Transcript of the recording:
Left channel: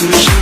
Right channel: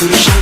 Push